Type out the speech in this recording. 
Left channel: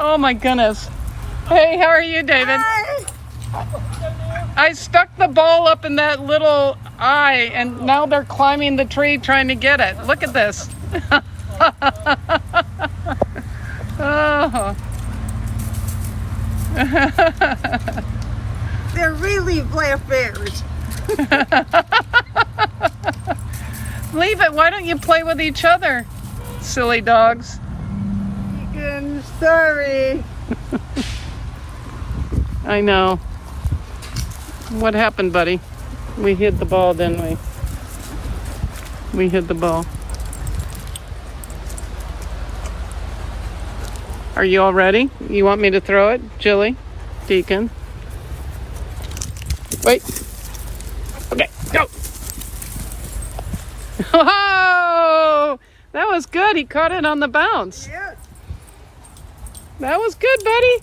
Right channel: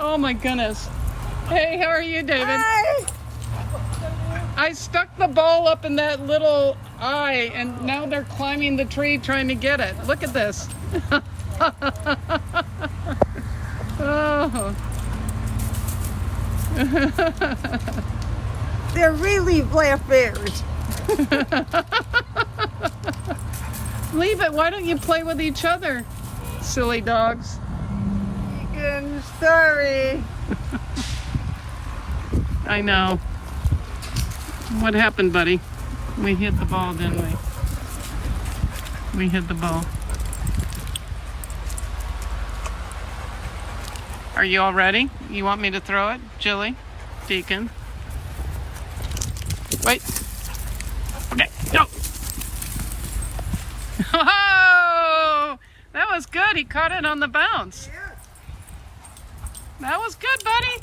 Oh my goodness. Hey, how are you, David? Hi. I stuck the ball up in that little eye, and now they're climbing the tree trying to get it. Look at this. Oh. They're really black bears. Leave it. Why don't you play with each other, silly dogs? I'm sorry. I know. What happened, buddy? We hit the ball, didn't we? We hit the ball. Are you all ready? You want me to throw it? Jilly? Deacon? Wait. Okay, go! Oh! That was good. He caught it on the bounce. Yeah. That was good, buddy.